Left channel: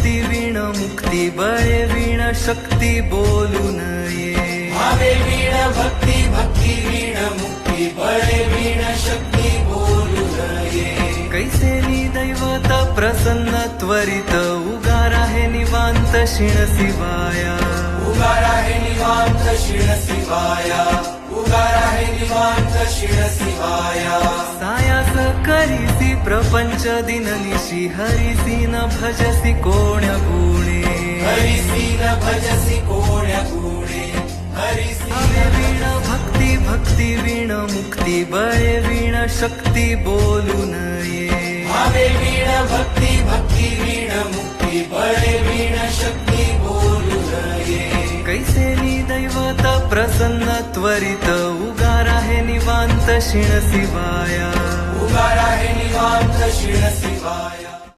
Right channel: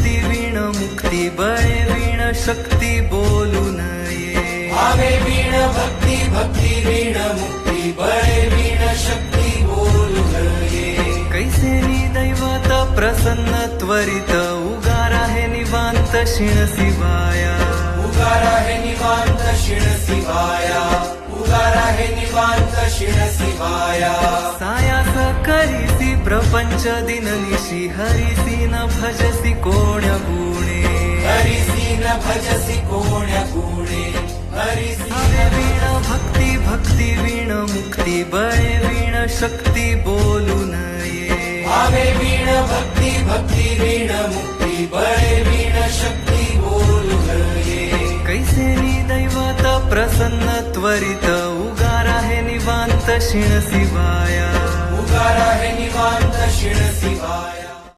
भक्ती वीण मुक्ती बळे वीण शक्ती बोलू नये भावे वीण भक्ती भक्ती वीण मुक्ती बळे वीण शक्ती बोलू नये कैसेनी दैवत प्रसन्न त्वरित उगार आहे निवांत शिण शिवाया उगार आहे निवांत शिण शिवाया उगार आहे निवांत शिण शिवाया सायास करीसी प्रपंच दिननिशी हरिसी न भजसी कोण्या गुणे हरिसी न भजसी कोण्या गुणे हरिसी भावे वीण भक्ती भक्ती वीण मुक्ती बळे वीण शक्ती बोलू नये भावे वीण भक्ती भक्ती वीण मुक्ती बळे वीण शक्ती बोलू नये कैसेनी दैवत प्रसन्न त्वरित उगार आहे निवांत शिण शिवाया उगार आहे निवांत शिण शिवाया